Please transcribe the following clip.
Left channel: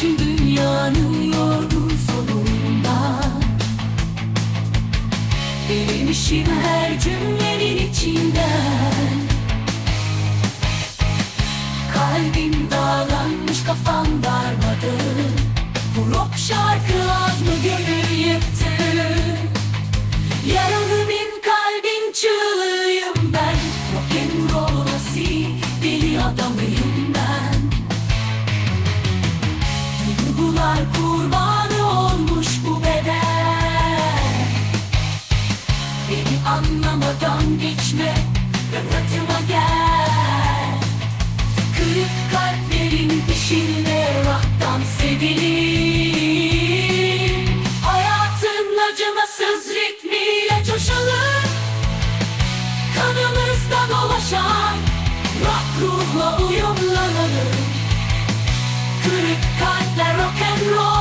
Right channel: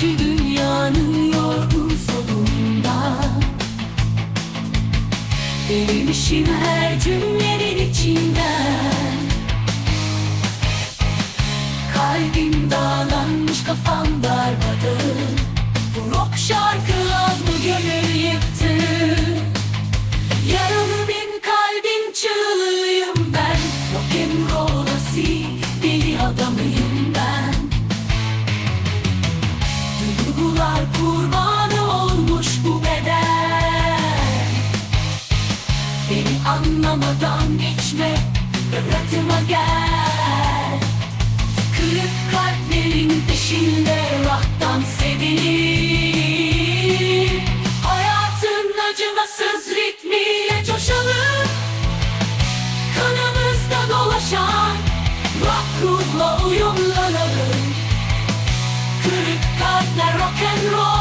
Şu dünyanın yorgun sonunda. Değmişim her cümlenin içinden. Kalbim dağlanmış kafam darmadağın Duygular kurbanı olmuş bu beden Beni anlamadan geçme Yaratıma gel. Kırık kalplerin peşinde rock'tan sevilir. Hayatın acımasız ritmiyle coşalım Kanımızda dolaşan rock ruhla uyumlanalım Kırık และ rock and roll.